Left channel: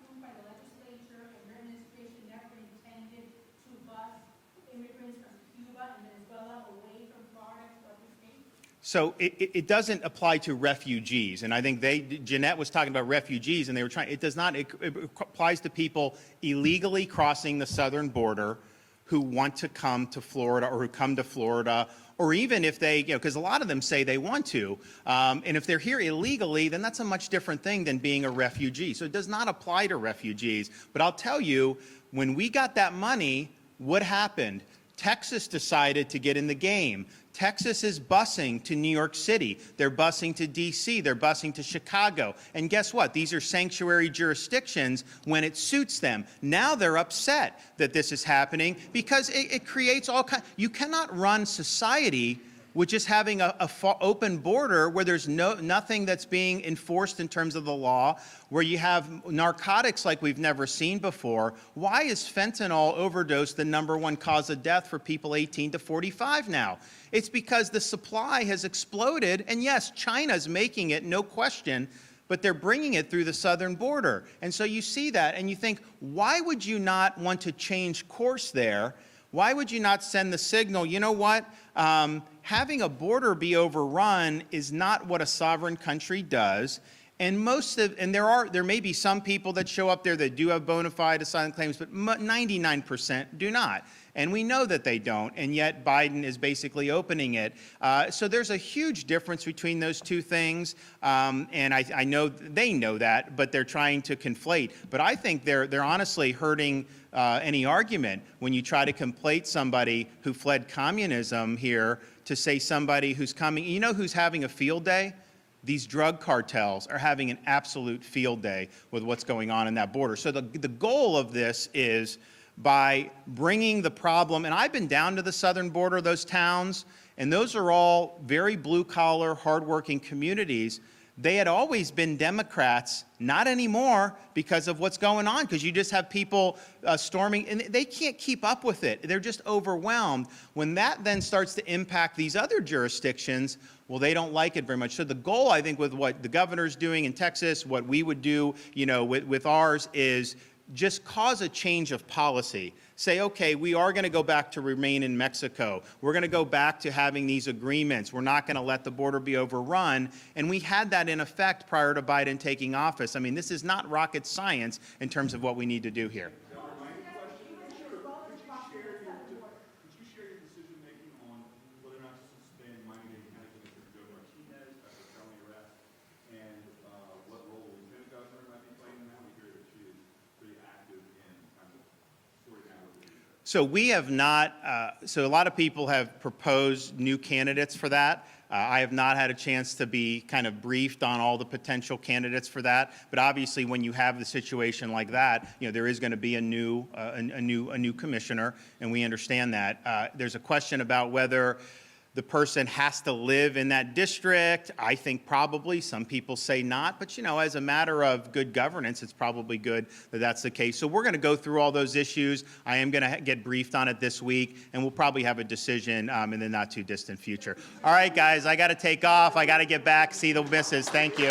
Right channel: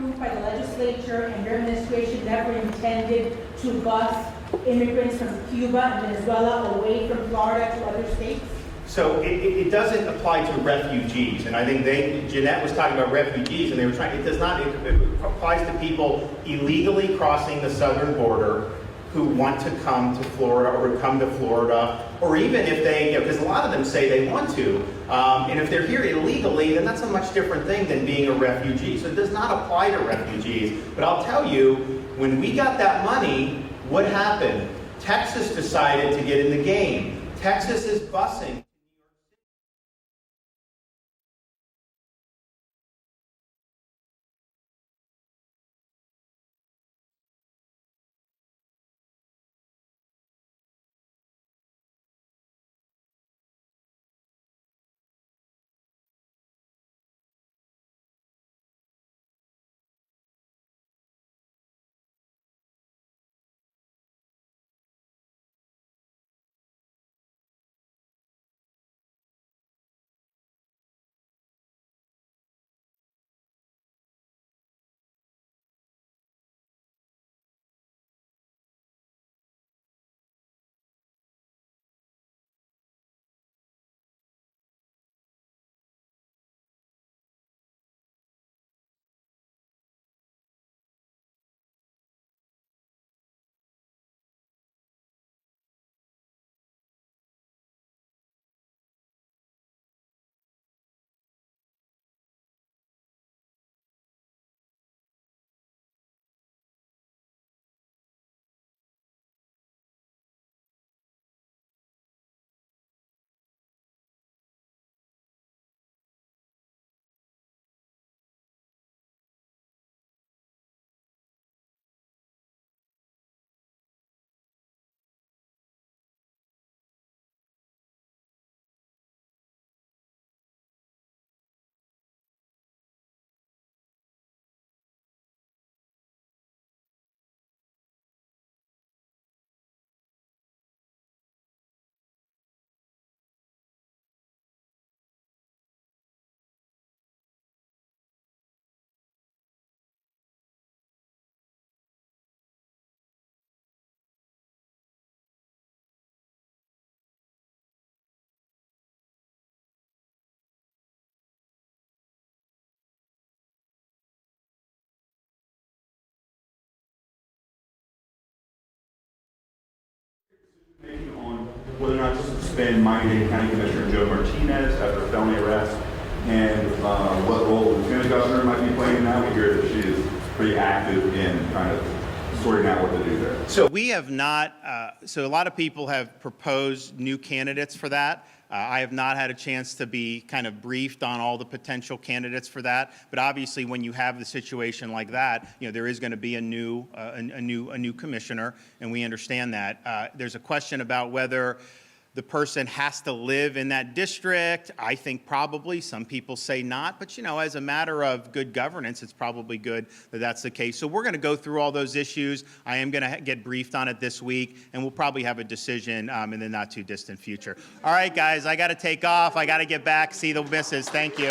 approved by the legislature, and your administration never intended to bus immigrants from Cuba and Venezuela away from Florida to other states? So it doesn't apply to refugees, and I think Jeanette was talking about refugees, and they were trying. It does not. It applies to people illegally crossing the southern border who want to come to Florida or come to Florida, or even if they, because a lot of them say they want to, and if they're here illegally, then that's a much different thing than being a refugee. So it does not apply to refugees. But I'll tell you, when we got that money, what happened? Texas decided to get in the game. Texas is busing to New York City. They're busing to D.C. They're busing to Chicago. And guess what? These are sanctuary jurisdictions when it suits them. Now they're upset that this is happening because it creates all kinds. You cannot run society with just having a open border where there's nothing that's being enforced in terms of the law, where you have narcotics like we've never seen before. Why is fentanyl overdose the #1 cause of death for people 18 to 45 now? It's because the supply has exploded, and yes, China's making it, no question, but they're bringing it through the southern border. And so you see that, and you think, why would you not want to change course there? Why would you not send the signal, you know what? Having a border be overrun is not what a sovereign country does. And there may be some people that show up there that do have bona fide asylum claims, but 99% do not. And we know that they don't, and yet Biden is basically opening it. So there's a huge difference between those two things, and I know they know that, but they're trying to conflate. But I think they're honestly hurting any argument when you try to conflate somebody who fled communism here to say somebody who's coming. You know who's having a field day? These drug cartels are having an absolute field day with what's going on in that border. So the goal of this is by bringing the problem, and I've been down to the southern border, those towns, and those are all very blue-collar, hardworking communities. They had always been Democrats, not anymore because of what's going on, because you just have people storming, and they can't keep up with it. They're just overwhelmed. When that then starts to impact these other jurisdictions, well, they don't like it very much. So the goal, I think, with what the governor's doing in Texas, what we would do, with ours is just cause a change of policy. Say, okay, we are going to go back to remain in Mexico. We're going to go back to having these agreements. We're not going to let the border be overrun. And we had that in effect prior to Biden taking office. I mean, this is not rocket science in terms of what we need to do here. On whether or not to suspend Miami-Dade County Commissioner Joe Martinez after felony arrest, and what role the lieutenant governor might be playing now? We hear that she is pretty active in kind of sorting out what to do there. So we have not, so a lot of people have proposed new candidates for that. I have not had a chance to be kind of briefed on all the potential candidates for that. But obviously, when you have the situation like that, there is going to be a new commissioner, and we understand that. There's a question about whether the person has to live in that district. I think probably. Some people say not. But, as a matter of good governance, it's probably good that that's the case. So we're going to go through all those issues. I am going to get briefed on it this week, and we'll probably have a decision in the not-too-distant future. All right, guys, I got to take off. I got to get back, see the missus. Thank you.